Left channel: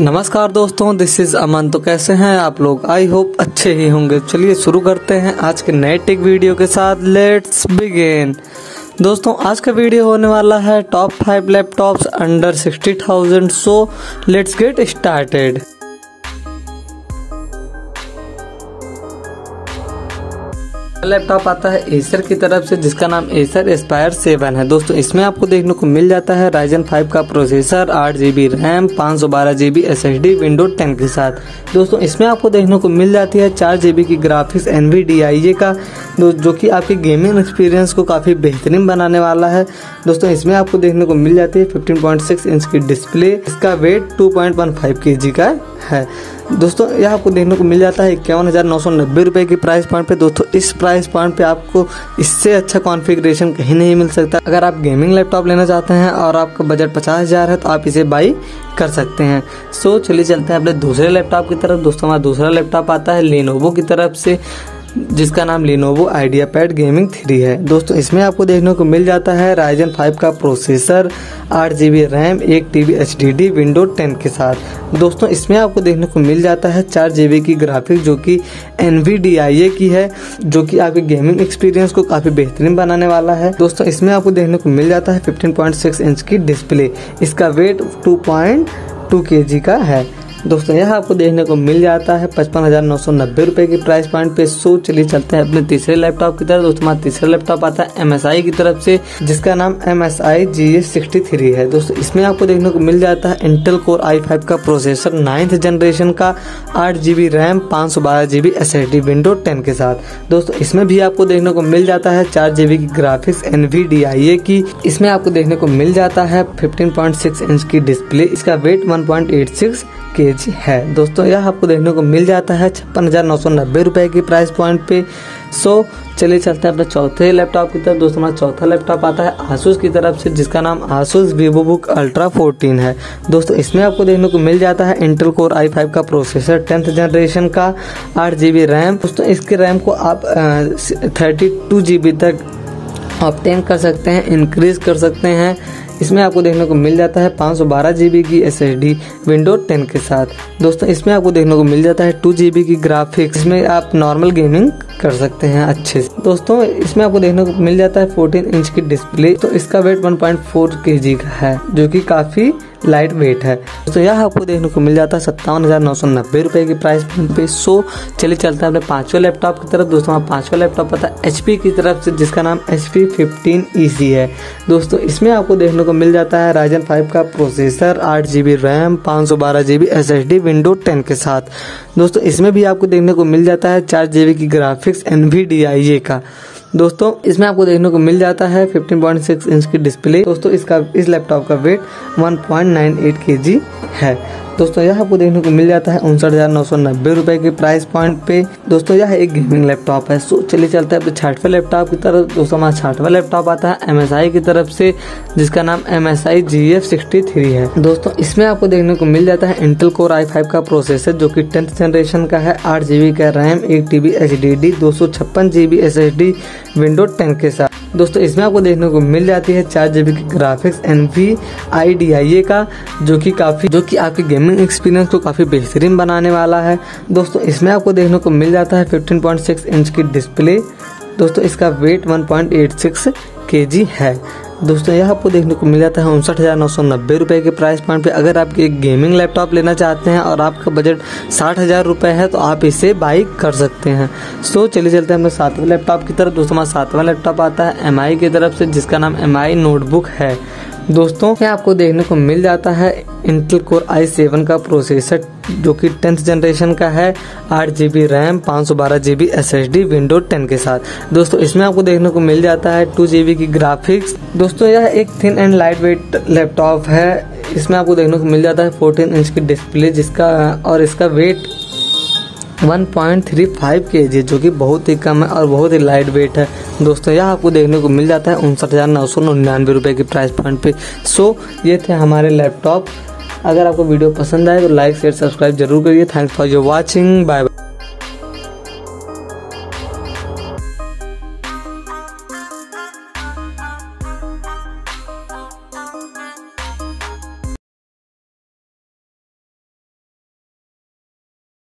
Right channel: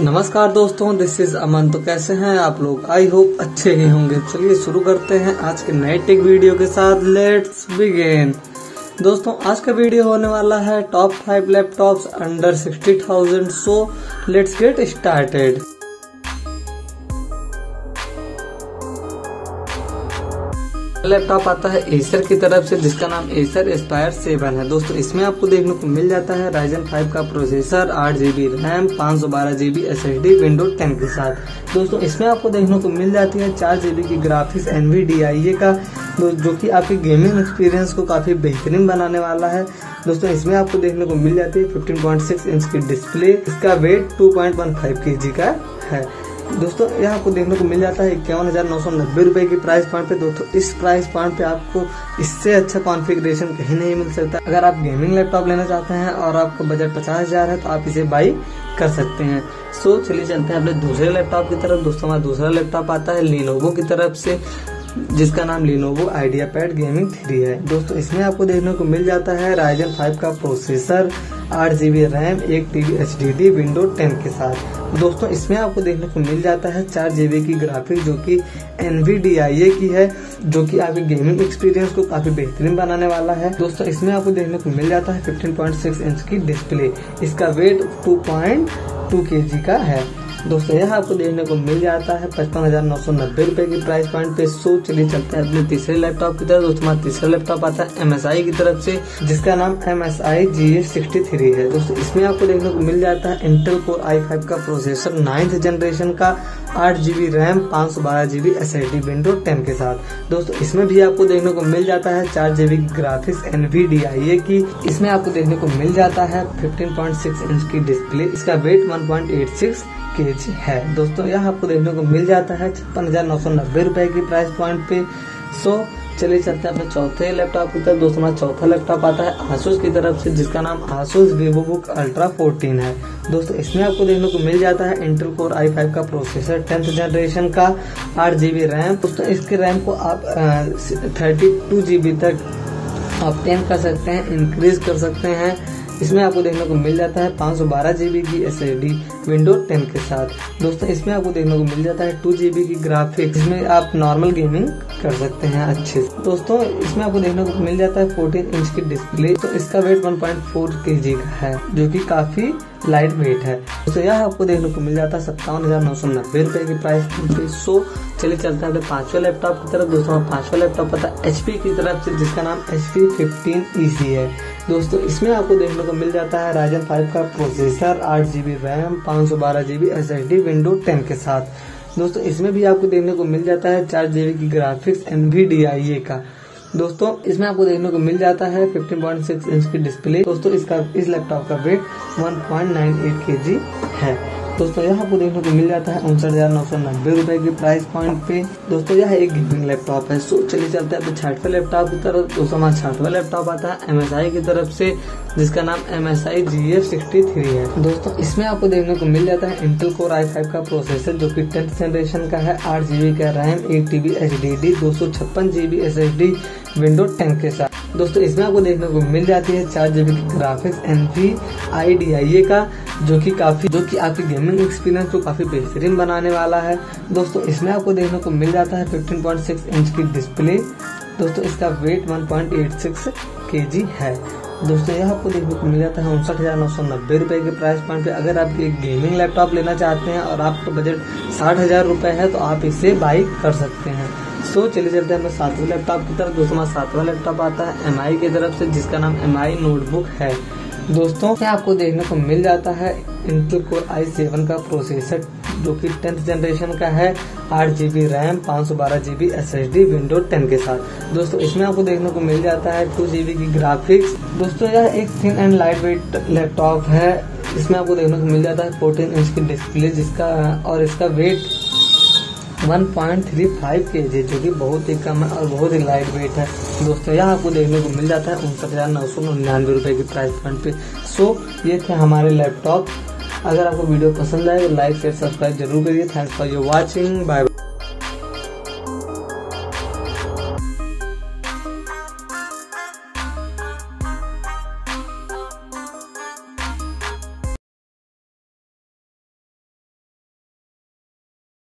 नमस्कार दोस्तों, this is अमन। तो कैसे हैं आप लोग? आई होप अच्छे ही होंगे। चलिए शुरू करते हैं आज के नए टेक वीडियो के साथ। Let's begin. दोस्तों आज का वीडियो होने वाला है top 5 laptops under 60,000। So let's get started. Laptop आता है एसर की तरफ से, जिसका नाम एसर एस्पायर 7 है। दोस्तों इसमें आपको देखने को मिल जाता है राइजन 5 का processor, 8GB RAM, 512GB SSD window 10 के साथ। दोस्तों इसमें आपको देखने को मिल जाती है 4GB की ग्राफिक्स NVDIA का, जो कि आपके गेमिंग एक्सपीरियंस को काफी बेहतरीन बनाने वाला है। दोस्तों इसमें आपको देखने को मिल जाती है 15.6 इंच की डिस्प्ले। इसका वेट 2.15 kg का है। दोस्तों यह आपको देखने को मिल जाता है 51,990 रुपए की प्राइस पॉइंट पे। दोस्तों इस प्राइस पॉइंट पे आपको इससे अच्छा कॉन्फ़िगरेशन कहीं नहीं मिल सकता। अगर आप गेमिंग लैपटॉप लेना चाहते हैं और आपका बजट 50,000 है तो आप इसे बाई कर सकते हैं। सो चलिए चलते हैं अपने दूसरे लैपटॉप की तरफ। दोस्तों हमारा दूसरा लैपटॉप आता है लेनोवो की तरफ से, जिसका नाम लेनोवो आइडियापैड गेमिंग 3 है। दोस्तों इसमें आपको देखने को मिल जाता है राइजन 5 का processor, 8GB RAM, 1TB HDD window 10 के साथ। दोस्तों इसमें आपको देखने को मिल जाता है 4GB की ग्राफिक्स, जो कि NVDIA की है, जो कि आपके गेमिंग एक्सपीरियंस को काफी बेहतरीन बनाने वाला है। दोस्तों इसमें आपको देखने को मिल जाता है 15.6 इंच की डिस्प्ले। इसका वेट 2.2 kg का है। दोस्तों यह आपको देखने को मिल जाता है 55,990 रुपए की प्राइस पॉइंट पे। सो चलिए चलते हैं अपने तीसरे लैपटॉप की तरफ। दोस्तों हमारा तीसरा लैपटॉप आता है MSI की तरफ से, जिसका नाम MSI GS63 है। दोस्तों इसमें आपको देखने को मिल जाता है इंटेल कोर i5 का प्रोसेसर, 9th जनरेशन का, 8GB RAM, 512GB SSD window 10 के साथ। दोस्तों इसमें भी आपको देखने को मिल जाता है 4GB की ग्राफिक्स NVDIA की। इसमें आपको देखने को मिल जाता है 15.6 इंच की डिस्प्ले। इसका वेट 1.86 kg है। दोस्तों यह आपको देखने को मिल जाता है 56,990 रुपए की प्राइस पॉइंट पे। सो चलिए चलते हैं अपने चौथे लैपटॉप की तरफ। दोस्तों हमारा चौथा लैपटॉप आता है Asus की तरफ से, जिसका नाम Asus VivoBook Ultra 14 है। दोस्तों इसमें आपको देखने को मिल जाता है इंटेल कोर i5 का प्रोसेसर, 10th जनरेशन का, 8GB रैम। दोस्तों इसके रैम को आप 32GB तक ऑब्टेन कर सकते हैं, इंक्रीज कर सकते हैं। इसमें आपको देखने को मिल जाता है 512GB की SSD विंडो 10 के साथ। दोस्तों इसमें आपको देखने को मिल जाता है 2GB की ग्राफिक्स, इसमें आप नॉर्मल गेमिंग कर सकते हैं अच्छे से। दोस्तों इसमें आपको देखने को मिल जाता है 14 इंच की डिस्प्ले। तो इसका वेट 1.4 kg का है, जो कि काफी लाइट वेट है। दोस्तों यह आपको देखने को मिल जाता है 57,990 रुपए की प्राइस पे। सो चलिए चलते हैं अपने पांचवें लैपटॉप की तरफ। दोस्तों हमारा पांचवा लैपटॉप आता है HP की तरफ से, जिसका नाम HP 15EC है। दोस्तों इसमें आपको देखने को मिल जाता है राइजन 5 का processor, 8GB RAM, 512GB SSD window 10 के साथ। दोस्तों इसमें भी आपको देखने को मिल जाता है 4GB की ग्राफिक्स NVDIA का। दोस्तों इसमें आपको देखने को मिल जाता है 15.6 इंच की डिस्प्ले। दोस्तों इस लैपटॉप का वेट 1.98 kg है। दोस्तों यह आपको देखने को मिल जाता है 59,990 रुपए की प्राइस पॉइंट पे। दोस्तों यह एक गेमिंग लैपटॉप है। सो चलिए चलते हैं अपने छठवें लैपटॉप की तरफ। दोस्तों हमारा छठवां लैपटॉप आता है MSI की तरफ से, जिसका नाम MSI GF63 है। दोस्तों इसमें आपको देखने को मिल जाता है इंटेल कोर i5 का प्रोसेसर, जो कि 10th जनरेशन का है, 8GB का RAM, 1TB HDD, 256GB SSD window 10 के साथ। दोस्तों इसमें आपको देखने को मिल जाती है 4GB की ग्राफिक्स NVDIA का, जो कि आपके गेमिंग एक्सपीरियंस को काफी बेहतरीन बनाने वाला है। दोस्तों इसमें आपको देखने को मिल जाता है 15.6 इंच की डिस्प्ले। दोस्तों इसका वेट 1.86 kg है। दोस्तों यह आपको देखने को मिल जाता है 59,990 रुपए के प्राइस पॉइंट पे। अगर आप एक गेमिंग लैपटॉप लेना चाहते हैं और आपका बजट 60,000 रुपए है तो आप इसे बाई कर सकते हैं। सो चलिए चलते हैं अपने सातवें लैपटॉप की तरफ। दोस्तों हमारा सातवां लैपटॉप आता है MI की तरफ से, जिसका नाम MI नोटबुक है। दोस्तों यहाँ आपको देखने को मिल जाता है इंटेल कोर i7 का प्रोसेसर, जो कि 10th जनरेशन का है, 8GB RAM, 512GB SSD window 10 के साथ। दोस्तों इसमें आपको देखने को मिल जाता है 2GB की ग्राफिक्स। दोस्तों यह एक thin and light weight laptop है। इसमें आपको देखने को मिल जाता है 14 इंच की डिस्प्ले, इसका वेट 1.35 kg, जो कि बहुत ही कम है और बहुत ही लाइट वेट है। दोस्तों यह आपको देखने को मिल जाता है 59,999 रुपए की प्राइस पॉइंट पे। सो ये थे हमारे लैपटॉप। अगर आपको वीडियो पसंद आए तो लाइक शेयर सब्सक्राइब जरूर करिए। Thanks for your watching. Bye bye.